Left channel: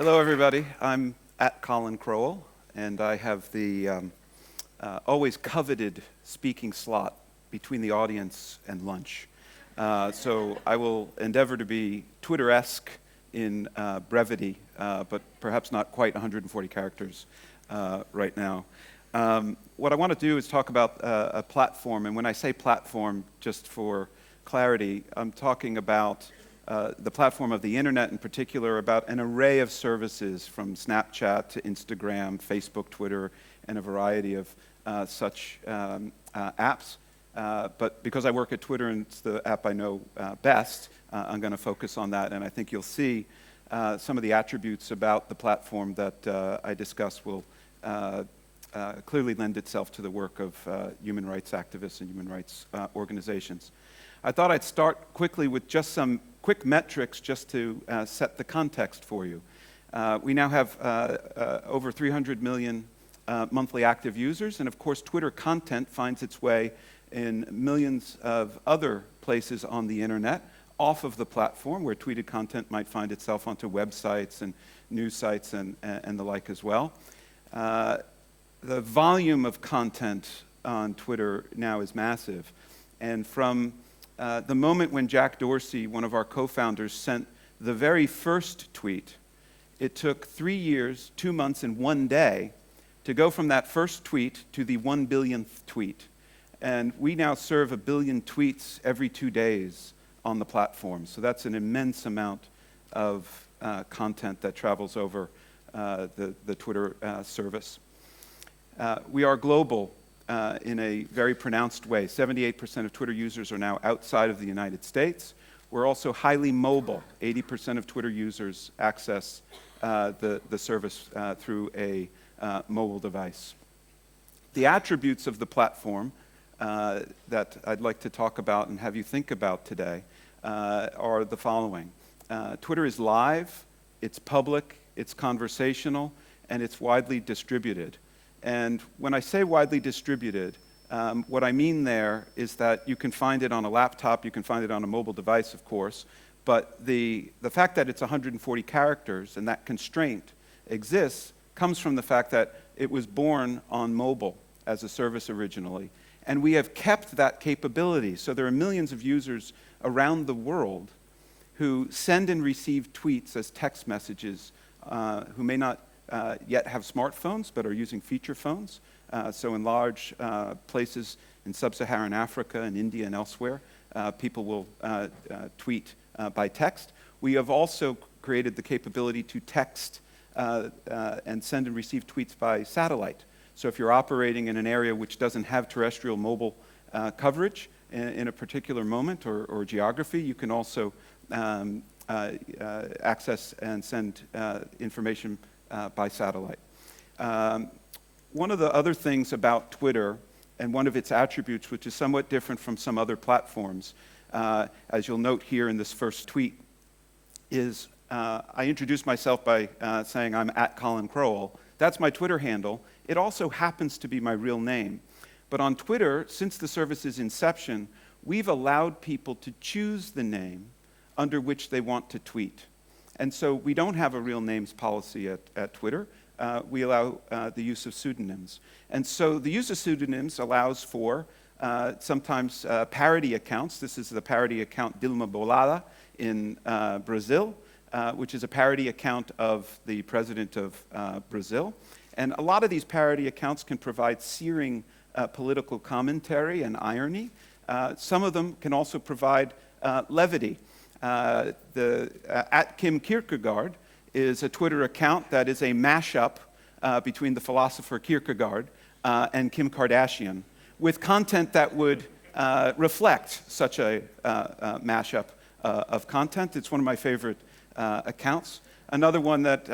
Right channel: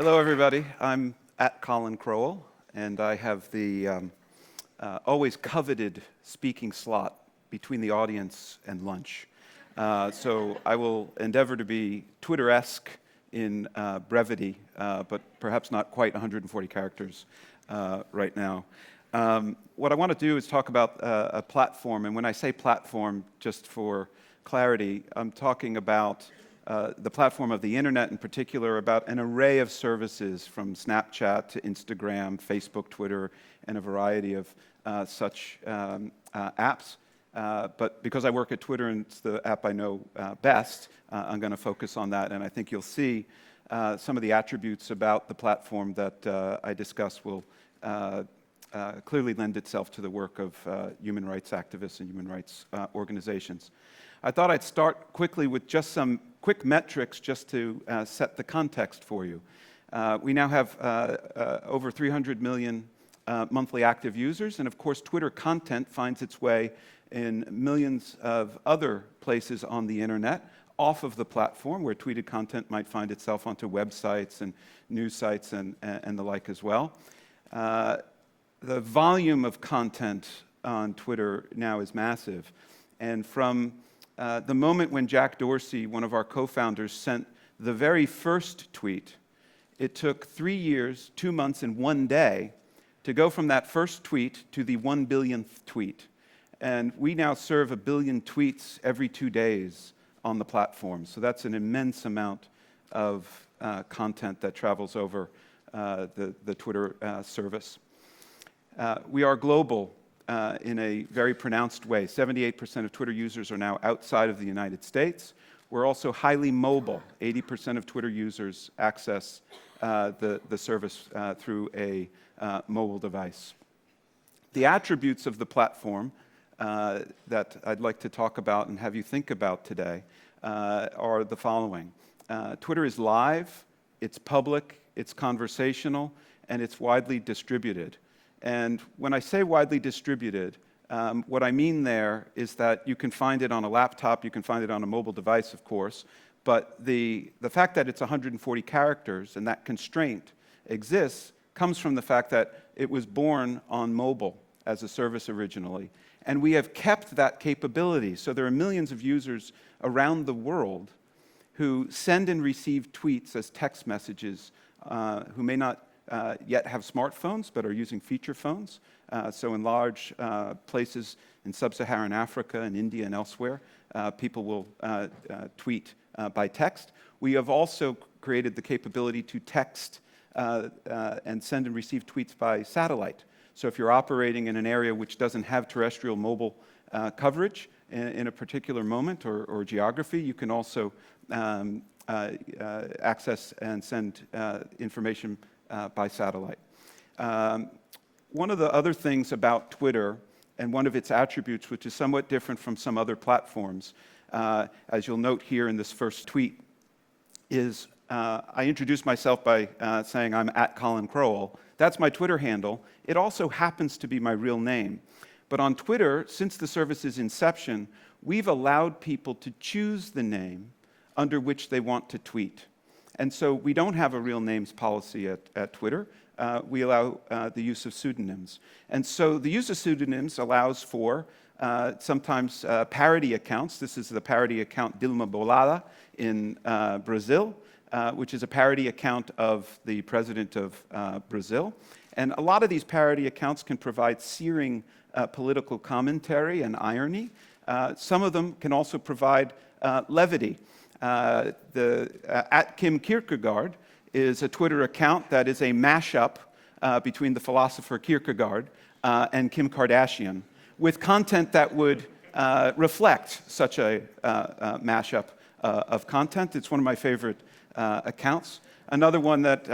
Hello, everybody. I'm at Colin Crowell, and I have the always coveted speaking slot between the audience and lunch. So I will endeavor to be Twitter-esque in brevity, but perhaps not quite 140 characters right now. What I want to do is talk about a platform, and when I say platform, just for clarity, I'm talking about the platform of the internet in particular, about an array of services from Snapchat to Instagram, Facebook, Twitter, and a variety of such apps. But because I work at Twitter and it's the app I know best, I'm going to focus on that. And I think you'll see some of the attributes about the platform that I discuss will clearly lend itself to the work of human rights activists and human rights organizations. I thought I'd start quickly with just some quick metrics just to set the context for you. We now have over 300 million monthly active users, and of course Twitter content finds its way in millions of other places on the internet off of the platform, where tweeted content might find itself onto websites and news sites and the like as well. The volume of content on Twitter now is massive, and from the moment when Jack Dorsey, one of our co-founders, sent the very first tweet, it took 3 years, 2 months, and 1 day to go from that first tweet to the 1 billionth tweet. And we now serve 1 billion tweets every 2 days on the platform. So that's an immense amount of content that travels over the Twitter service. We are global. In a very pronounced way. 78% of Twitter users are now outside of the United States. We're also highly mobile. 80% of Twitter users access the service through a mobile device. The attributes of the platform that I'd like to talk about and have you think about today are the following. Twitter is live, it's public, it's conversational, and it's widely distributed. And when I say widely distributed, what I mean there is that you can find it on a laptop, you can find it on a mobile device, of course, but the fact that it's 140 characters and that constraint exists comes from the fact that it was born on mobile as a service originally. And we have kept that capability. So there are millions of users around the world who send and receive tweets as text messages, who may not yet have smartphones, but are using feature phones. So in large places in sub-Saharan Africa and India and elsewhere, people will tweet by text. We have also created the capability to text and send and receive tweets by satellite. So if you're operating in an area which doesn't have terrestrial mobile coverage in a particular moment or geography, you can also access and send information by satellite. One of the other things about Twitter, and one of its attributes, which is somewhat different from some other platforms, as you'll note here in this first tweet, is I introduced myself by saying I'm at Colin Crowell. That's my Twitter handle. It also happens to be my real name. But on Twitter, since the service's inception, we've allowed people to choose the name under which they want to tweet. And so we don't have a real names policy at Twitter. We allow the use of pseudonyms. And so the use of pseudonyms allows for sometimes parody accounts. This is the parody account Dilma Bolada in Brazil, which is a parody account of the president of Brazil. And a lot of these parody accounts can provide searing political commentary and irony. Some of them can also provide levity. At Kim Kierkegaard is a Twitter account that is a mashup between the philosopher Kierkegaard and Kim Kardashian, with content that would reflect such a mashup of content. It's one of my favorite accounts. Another one that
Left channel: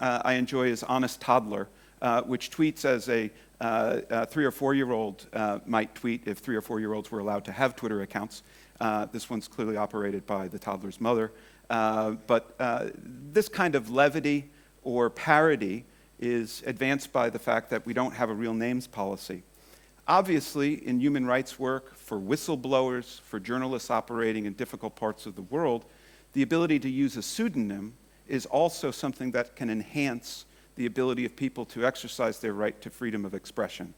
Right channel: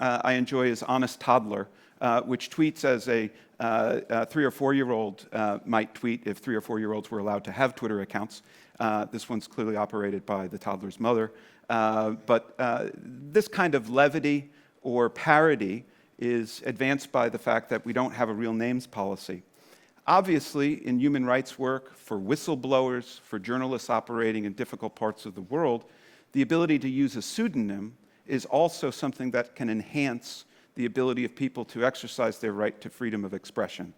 I enjoy is Honest Toddler, which tweets as a 3 or 4-year-old might tweet if 3 or 4-year-olds were allowed to have Twitter accounts. This one's clearly operated by the toddler's mother. But this kind of levity or parody is advanced by the fact that we don't have a real names policy. Obviously, in human rights work, for whistleblowers, for journalists operating in difficult parts of the world, the ability to use a pseudonym is also something that can enhance the ability of people to exercise their right to freedom of expression.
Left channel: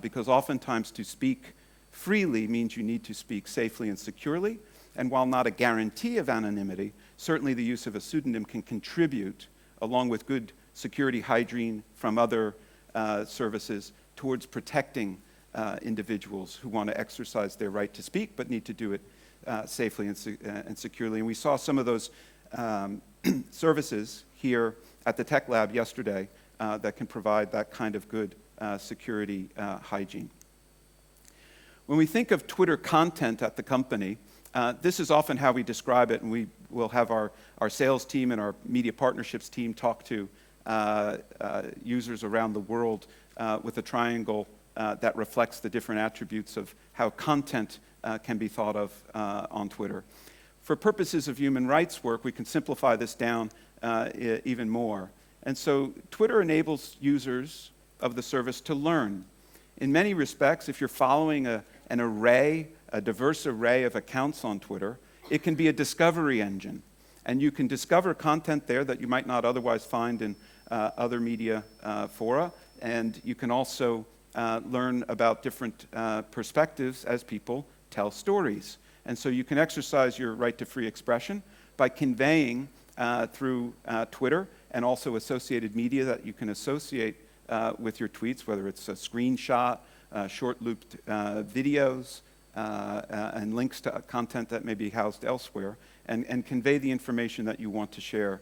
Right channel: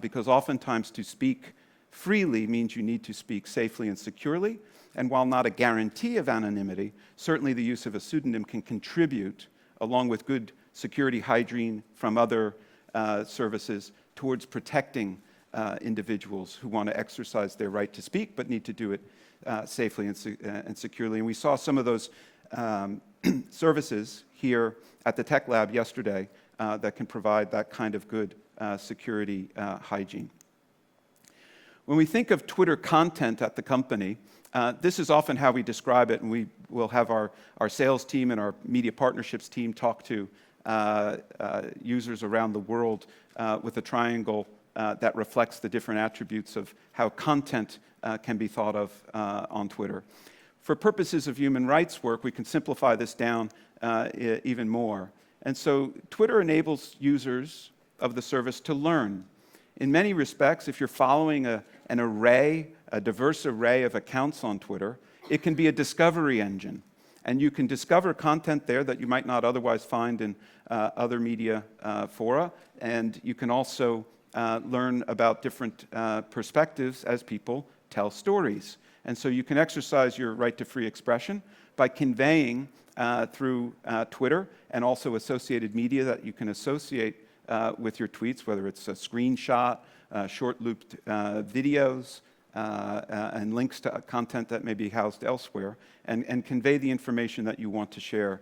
Because oftentimes to speak freely means you need to speak safely and securely, and while not a guarantee of anonymity, certainly the use of a pseudonym can contribute, along with good security hygiene from other services, towards protecting individuals who want to exercise their right to speak but need to do it safely and securely. And we saw some of those services here at the Tech Lab yesterday that can provide that kind of good security hygiene. When we think of Twitter content at the company, this is often how we describe it, and we will have our sales team and our media partnerships team talk to users around the world with a triangle that reflects the different attributes of how content can be thought of on Twitter. For purposes of human rights work, we can simplify this down even more. And so Twitter enables users of the service to learn. In many respects, if you're following a diverse array of accounts on Twitter, it can be a discovery engine. And you can discover content there that you might not otherwise find in other media fora. And you can also learn about different perspectives as people tell stories. And so you can exercise your right to free expression by conveying through Twitter and also associated media that you can associate with your tweets, whether it's a screenshot, short-looped videos, and links to content that may be housed elsewhere, and convey the information that you want to share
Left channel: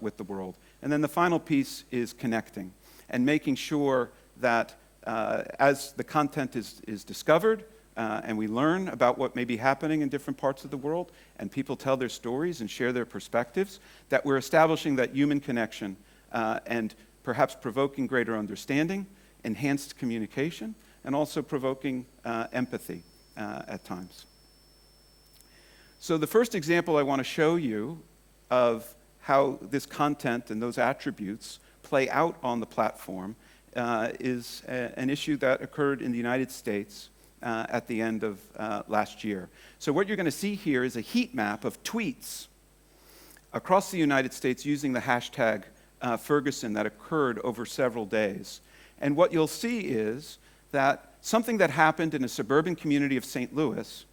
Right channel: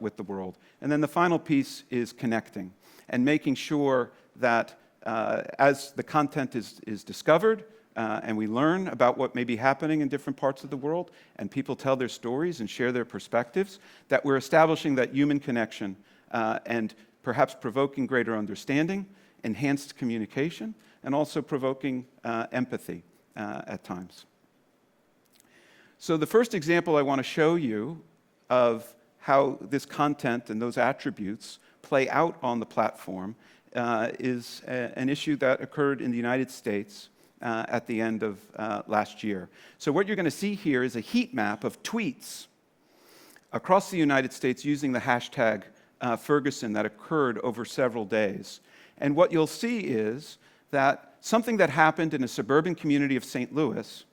with the world. And then the final piece is connecting and making sure that as the content is discovered, and we learn about what may be happening in different parts of the world, and people tell their stories and share their perspectives, that we're establishing that human connection and perhaps provoking greater understanding, enhanced communication, and also provoking empathy at times. So the first example I want to show you of how this content and those attributes play out on the platform is an issue that occurred in the United States at the end of last year. So what you're going to see here is a heat map of tweets across the United States using the hashtag Ferguson that occurred over several days. And what you'll see is that something that happened in a suburban community of St. Louis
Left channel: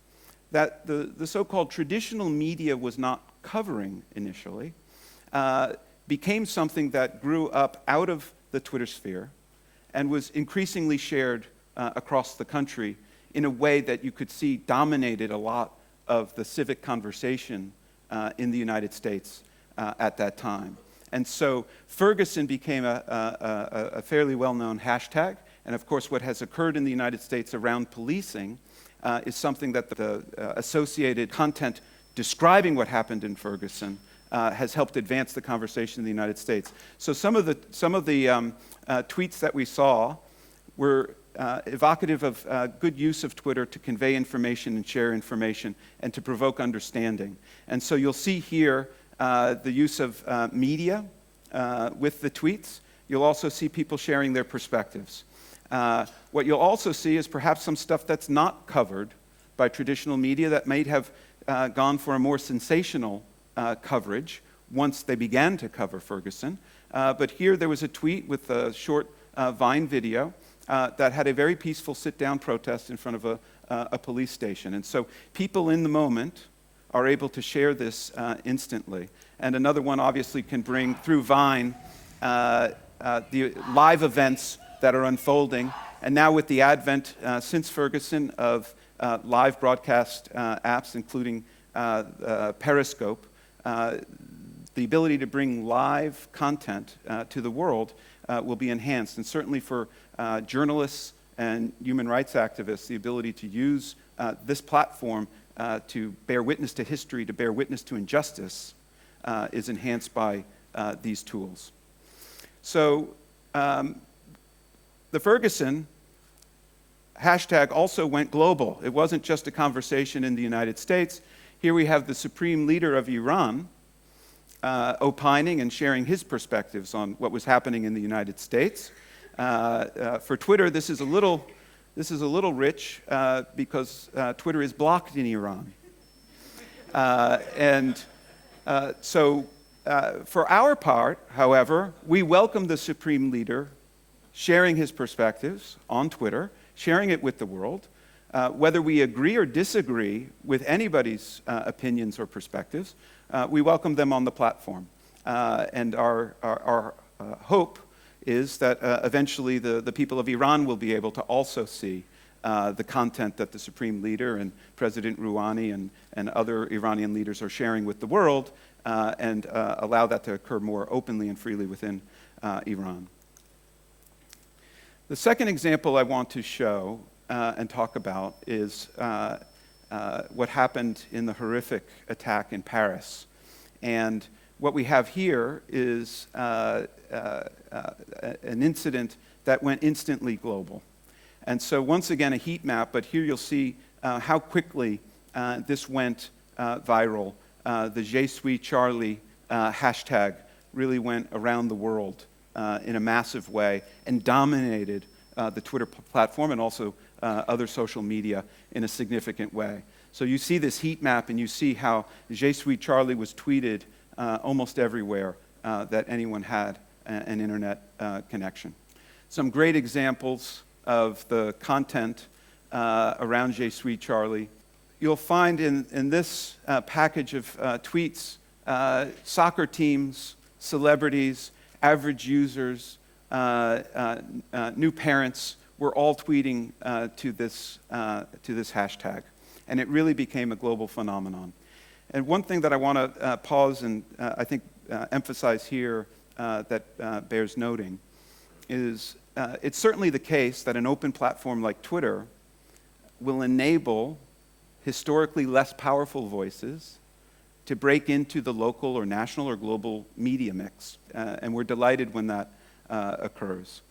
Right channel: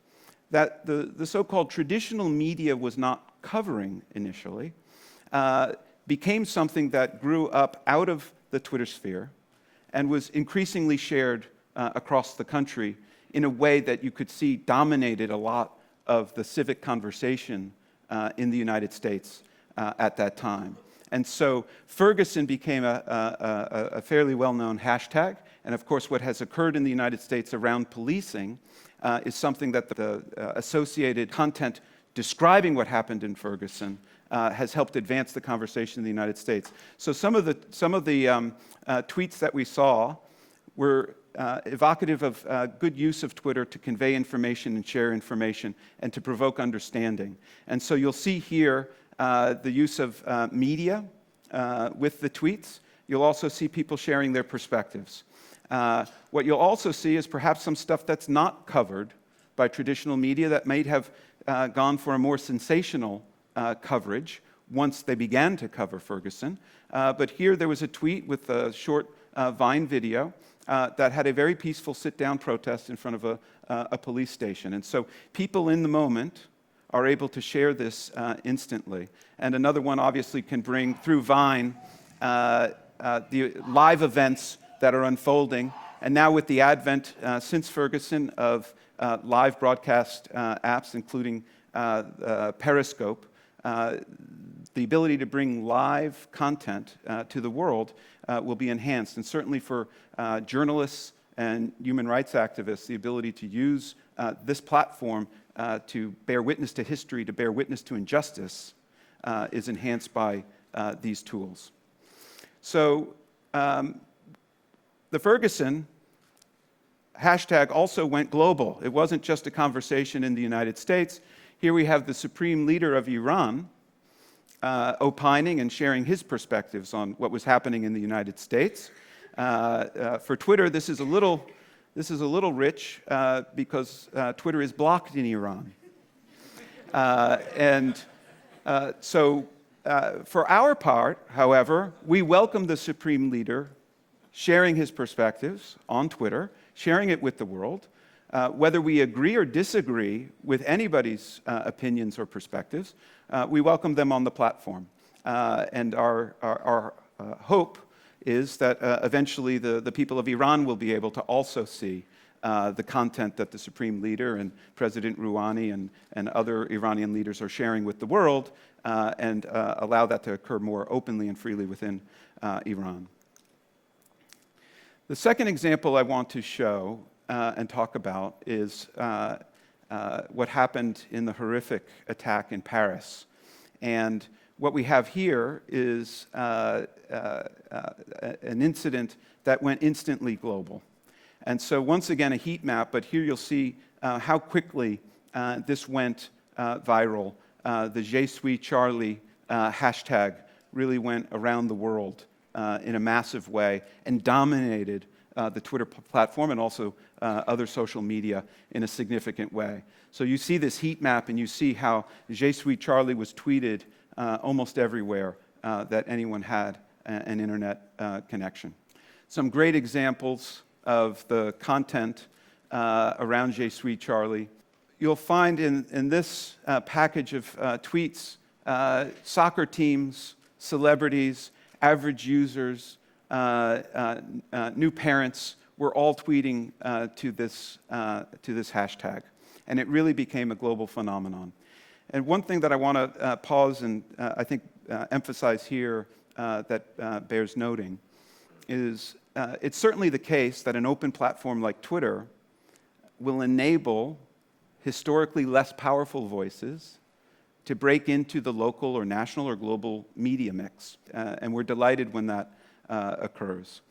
that the so-called traditional media was not covering initially became something that grew up out of the Twitter sphere and was increasingly shared across the country in a way that you could see dominated a lot of the civic conversation in the United States at that time. And so Ferguson became a fairly well-known hashtag. And of course, what has occurred in the United States around policing is something that the associated content describing what happened in Ferguson has helped advance the conversation in the United States. So some of the tweets that we saw were evocative of good use of Twitter to convey information and share information and to provoke understanding. And so you'll see here the use of media with the tweets. You'll also see people sharing their perspectives. What you'll also see is perhaps some stuff that's not covered by traditional media that might have gone for a more sensational coverage once they began to cover Ferguson. But here there was a tweet with a short Vine video that had a very peaceful sit-down protest in front of a police station. And so people in the moment are able to share this instantly. And another one obviously can bring through Vine the live events that are unfolding. And now with the advent since Ferguson of live broadcast apps, including Periscope, the ability to bring live content to the world will be enhanced. And certainly for journalists and human rights activists, the ability to use this platform to bear witness to history, to bear witness to injustice, is enhanced by these tools. So the Ferguson hashtag also went global. It wasn't just a conversation in the United States. Here we have the supreme leader of Iran opining and sharing his perspectives on what was happening in the United States. For Twitter, this is a little rich because Twitter is blocked in Iran. So For our part, however, we welcome the Supreme Leader sharing his perspectives on Twitter, sharing it with the world. Whether we agree or disagree with anybody's opinions or perspectives, we welcome them on the platform. And our hope is that eventually the people of Iran will be able to also see the content that the Supreme Leader and President Rouhani and other Iranian leaders are sharing with the world, and allow that to occur more openly and freely within Iran. The second example I want to show and talk about is what happened in the horrific attack in Paris. And what we have here is an incident that went instantly global. And so once again, a heat map, but here you'll see how quickly this went viral. The Je suis Charlie hashtag really went around the world in a massive way and dominated the Twitter platform and also other social media in a significant way. So you see this heat map and you see how Je suis Charlie was tweeted almost everywhere that anyone had an internet connection. Some great examples of the content around Je suis Charlie. You'll find in this package of tweets soccer teams, celebrities, average users, new parents were all tweeting to this hashtag. And it really became a global phenomenon. And one thing that I want to pause and I think emphasize here that bears noting is it's certainly the case that an open platform like Twitter will enable historically less powerful voices to break into the local or national or global media mix. And we're delighted when that occurs.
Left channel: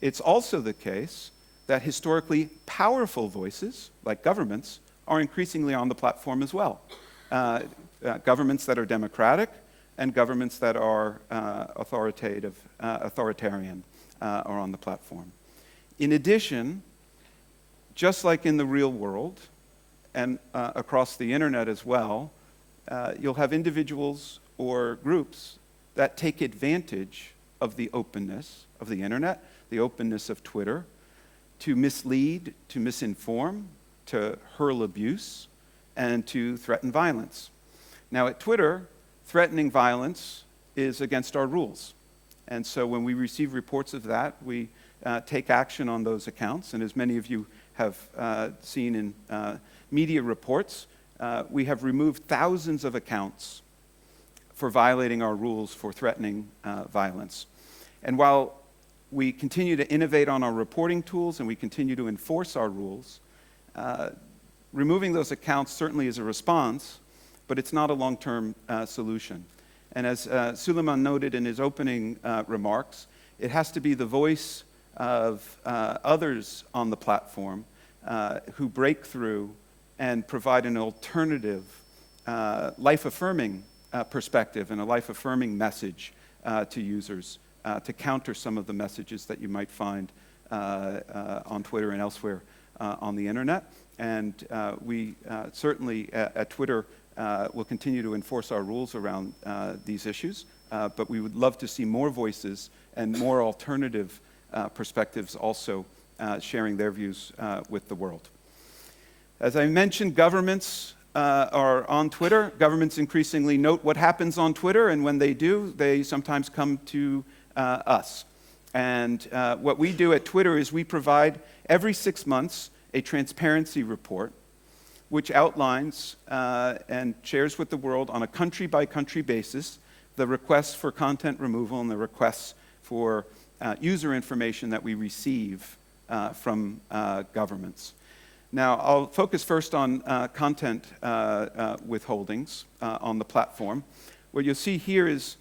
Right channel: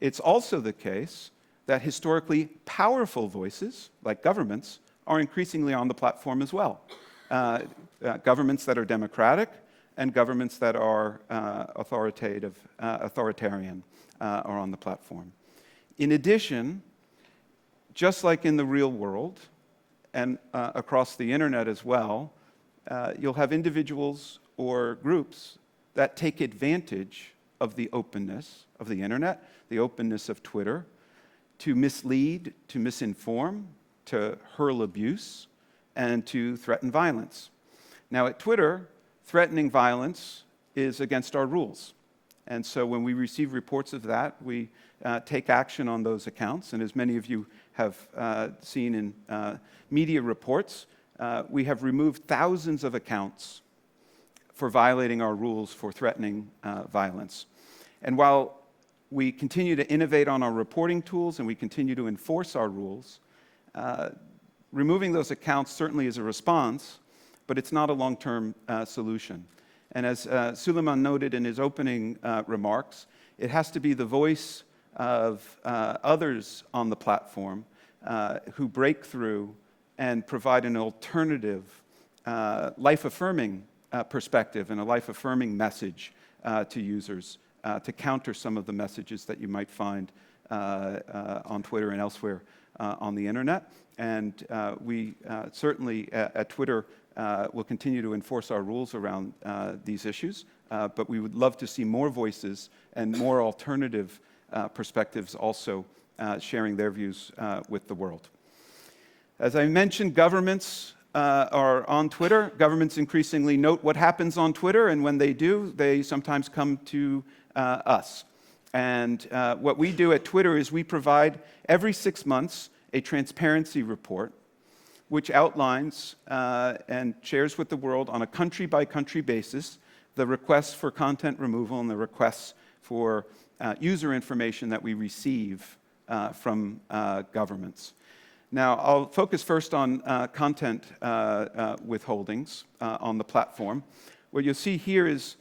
It's also the case that historically powerful voices, like governments, are increasingly on the platform as well. Governments that are democratic and governments that are authoritarian are on the platform. In addition, just like in the real world and across the internet as well, you'll have individuals or groups that take advantage of the openness of the internet, the openness of Twitter, to mislead, to misinform, to hurl abuse, and to threaten violence. Now at Twitter, threatening violence is against our rules. And so when we receive reports of that, we take action on those accounts. And as many of you have seen in media reports, we have removed thousands of accounts for violating our rules for threatening violence. And while we continue to innovate on our reporting tools and we continue to enforce our rules, removing those accounts certainly is a response, but it's not a long-term solution. And as Suleiman noted in his opening remarks, it has to be the voice of others on the platform who break through and provide an alternative, life-affirming perspective and a life-affirming message to users to counter some of the messages that you might find on Twitter and elsewhere on the internet. And we certainly at Twitter will continue to enforce our rules around these issues, but we would love to see more voices and more alternative perspectives also sharing their views with the world. As I mentioned, governments are on Twitter. Governments increasingly note what happens on Twitter, and when they do, they sometimes come to us. And what we do at Twitter is we provide every 6 months a transparency report which outlines and shares with the world on a country-by-country basis the requests for content removal and the requests for user information that we receive from governments. Now, I'll focus first on content withholdings on the platform. What you'll see here is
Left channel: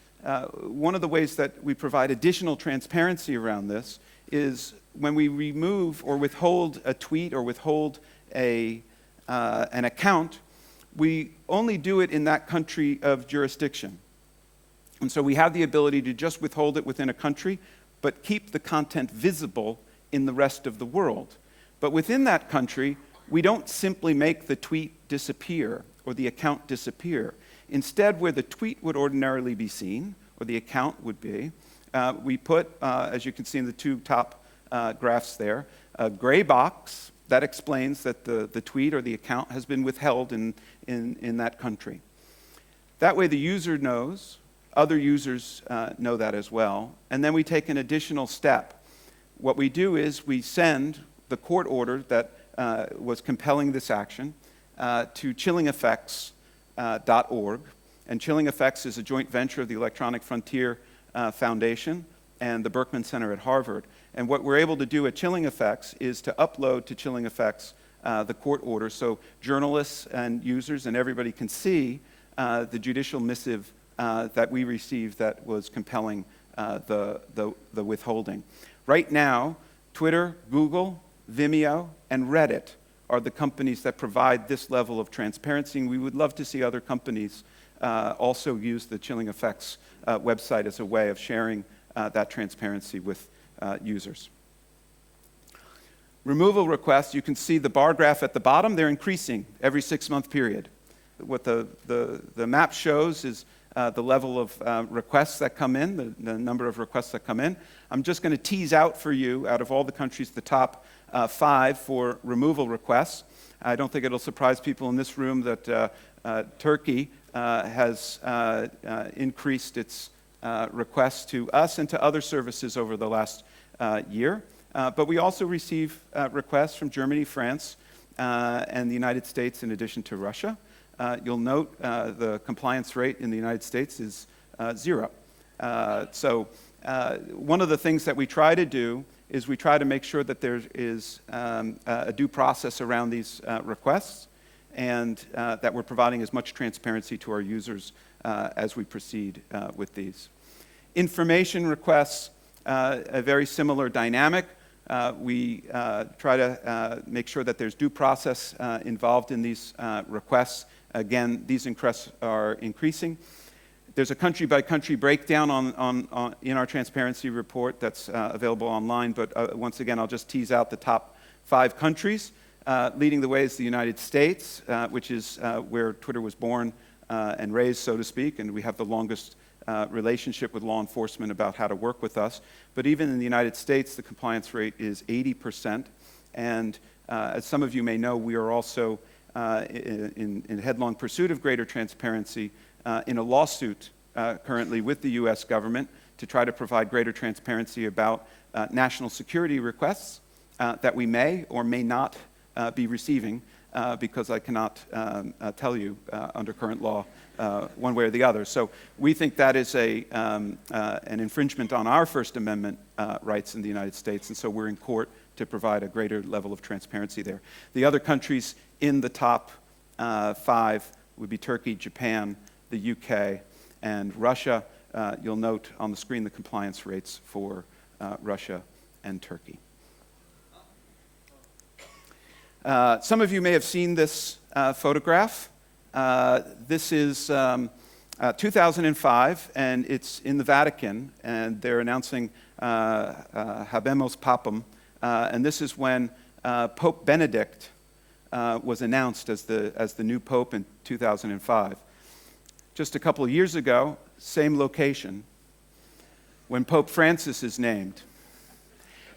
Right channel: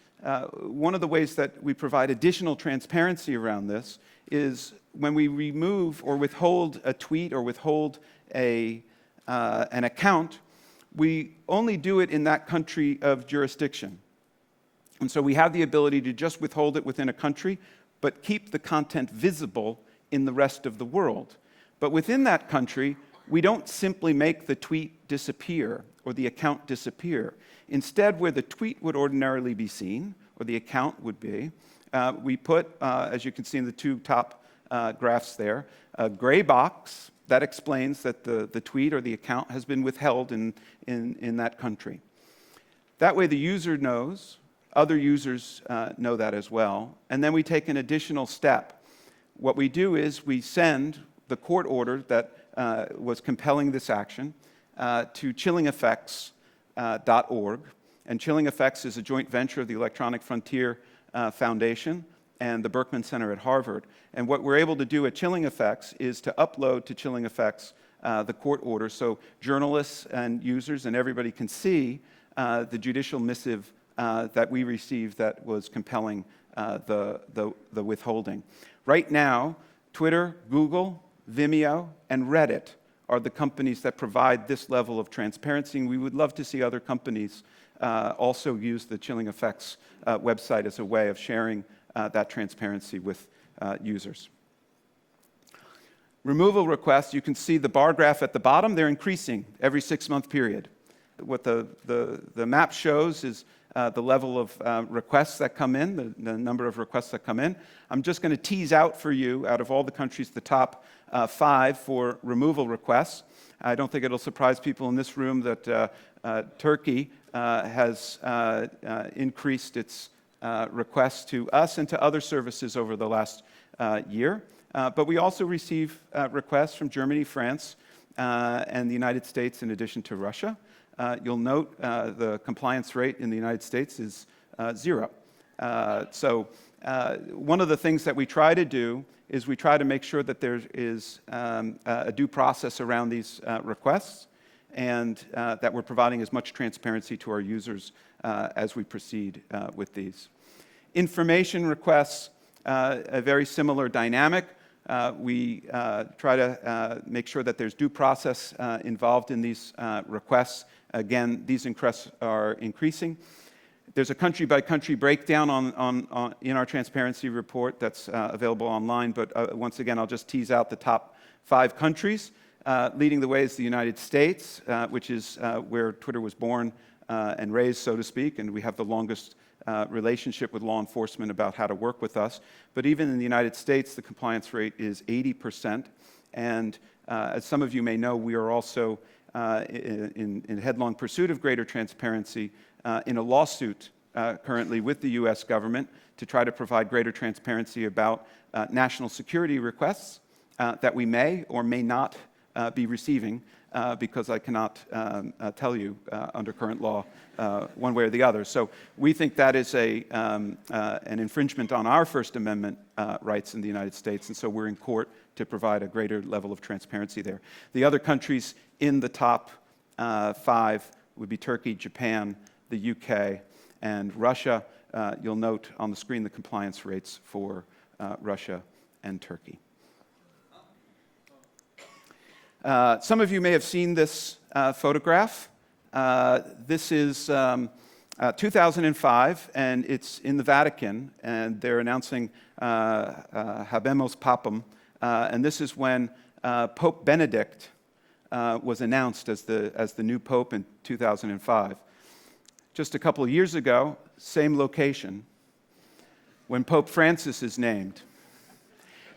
one of the ways that we provide additional transparency around this is when we remove or withhold a tweet or withhold an account, we only do it in that country of jurisdiction. And so we have the ability to just withhold it within a country, but keep the content visible in the rest of the world. But within that country, we don't simply make the tweet disappear or the account disappear. instead, where the tweet would ordinarily be seen, or the account would be, we put, as you can see in the two top graphs there, a gray box that explains that the tweet or the account has been withheld in that country. That way the user knows, other users know that as well, and then we take an additional step. What we do is we send the court order that was compelling this action to chillingeffects.org, and Chilling Effects is a joint venture of the Electronic Frontier Foundation and the Berkman Center at Harvard. And what we're able to do at Chilling Effects is to upload to Chilling Effects the court order, so journalists and users and everybody can see the judicial missive that we received that was compelling the withholding. Right now, Twitter, Google, Vimeo, and Reddit are the companies that provide this level of transparency, and we would love to see other companies also use the Chilling Effects website as a way of sharing that transparency with users. Removal requests, you can see the bar graph at the bottom, they're increasing every 6-month period. What the map shows is the level of requests that come in, the number of requests that come in. I'm just going to tease out for you, out of all the countries, the top 5 for removal requests. I don't think it'll surprise people in this room that Turkey has increased its requests to us and to other services over the last year. But we also receive requests from Germany, France, and the United States in addition to Russia. You'll note the compliance rate in the United States is 0. So one of the things that we try to do is we try to make sure that there is a due process around these requests, and that we're providing as much transparency to our users as we proceed with these. Information requests, a very similar dynamic. We try to make sure that there's due process involved in these requests. Again, these requests are increasing. There's a country-by-country breakdown in our transparency report that's available online, but once again, I'll just tease out the top 5 countries. Leading the way is the United States, which is where Twitter was born and raised, so to speak, and we have the longest relationship with law enforcement about how to work with us. But even in the United States, the compliance rate is 80%. And as some of you may know, we are also in headlong pursuit of greater transparency in a lawsuit currently with the US government to try to provide greater transparency about national security requests that we may or may not be receiving, because I cannot tell you under current law one way or the other. So we think that is an infringement on our First Amendment rights in the United States, and so we're in court to provide a greater level of transparency there. The other countries in the top 5 would be Turkey, Japan, the UK, and Russia. You'll note on the screen the compliance rates for Russia and Turkey. Some of you may have seen this photograph. This is 2005, and it's in the Vatican, and they're announcing Habemus Papam, and this is when Pope Benedict was announced as the new pope in 2005. Just a couple of years ago, same location, when Pope Francis is named.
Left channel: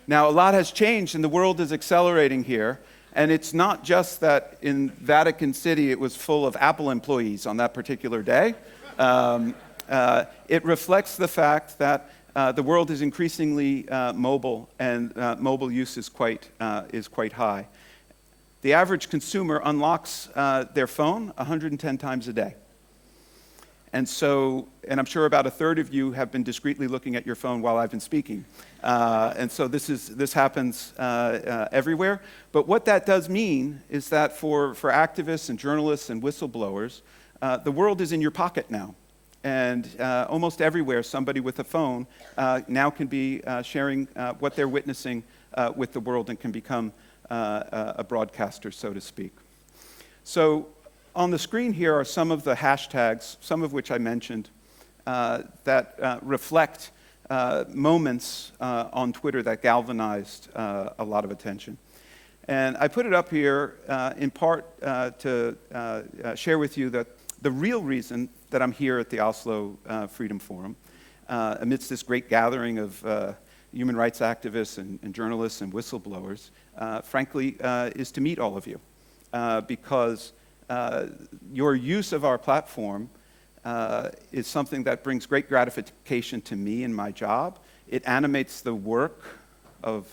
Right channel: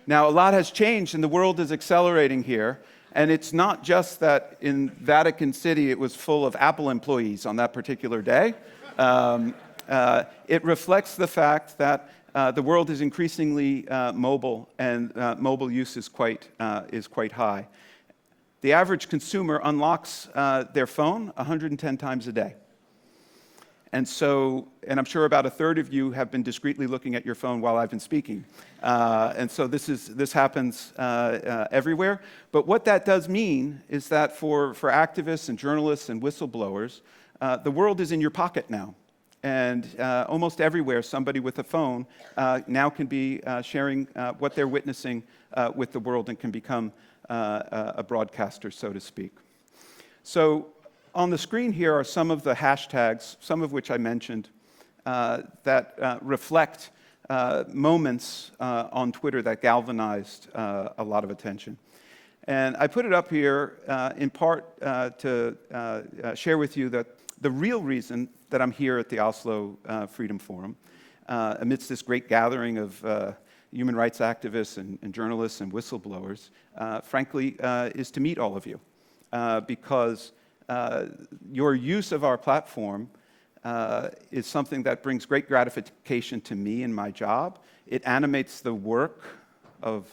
Now, a lot has changed, and the world is accelerating here. And it's not just that in Vatican City it was full of Apple employees on that particular day. It reflects the fact that the world is increasingly mobile, and mobile use is quite high. The average consumer unlocks their phone 110 times a day. And I'm sure about a third of you have been discreetly looking at your phone while I've been speaking. And so this happens everywhere. But what that does mean is that for activists and journalists and whistleblowers, the world is in your pocket now. And almost everywhere, somebody with a phone now can be sharing what they're witnessing with the world and can become a broadcaster, so to speak. So on the screen here are some of the hashtags, some of which I mentioned, that reflect moments on Twitter that galvanized a lot of attention. And I put it up here in part to share with you that the real reason that I'm here at the Oslo Freedom Forum, amidst this great gathering of human rights activists and journalists and whistleblowers, frankly, is to meet all of you. Because your use of our platform is something that brings great gratification to me in my job. It animates the work of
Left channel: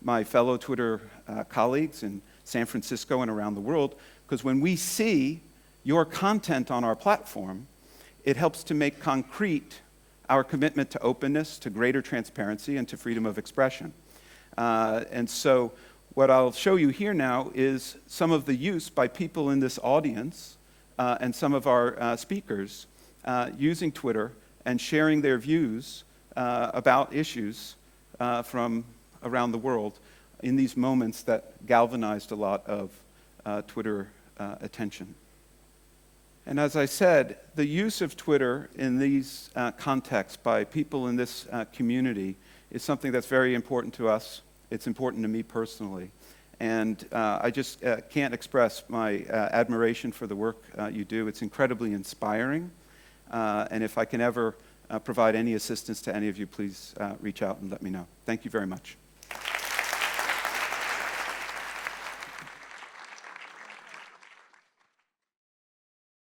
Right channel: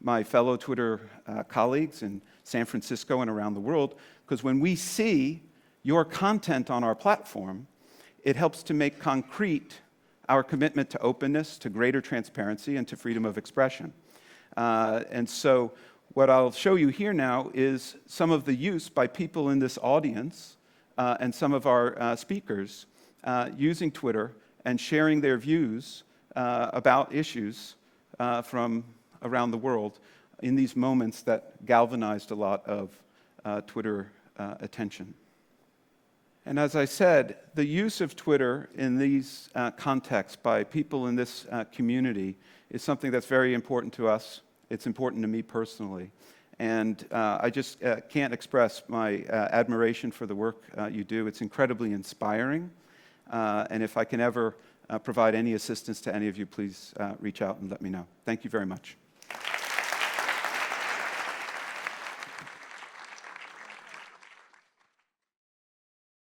my fellow Twitter colleagues in San Francisco and around the world, because when we see your content on our platform, it helps to make concrete our commitment to openness, to greater transparency, and to freedom of expression. And so what I'll show you here now is some of the use by people in this audience and some of our speakers using Twitter and sharing their views about issues from around the world in these moments that galvanized a lot of Twitter attention. And as I said, the use of Twitter in these contexts by people in this community is something that's very important to us. It's important to me personally. And I just can't express my admiration for the work you do. It's incredibly inspiring. And if I can ever provide any assistance to any of you, please reach out and let me know. Thank you very much.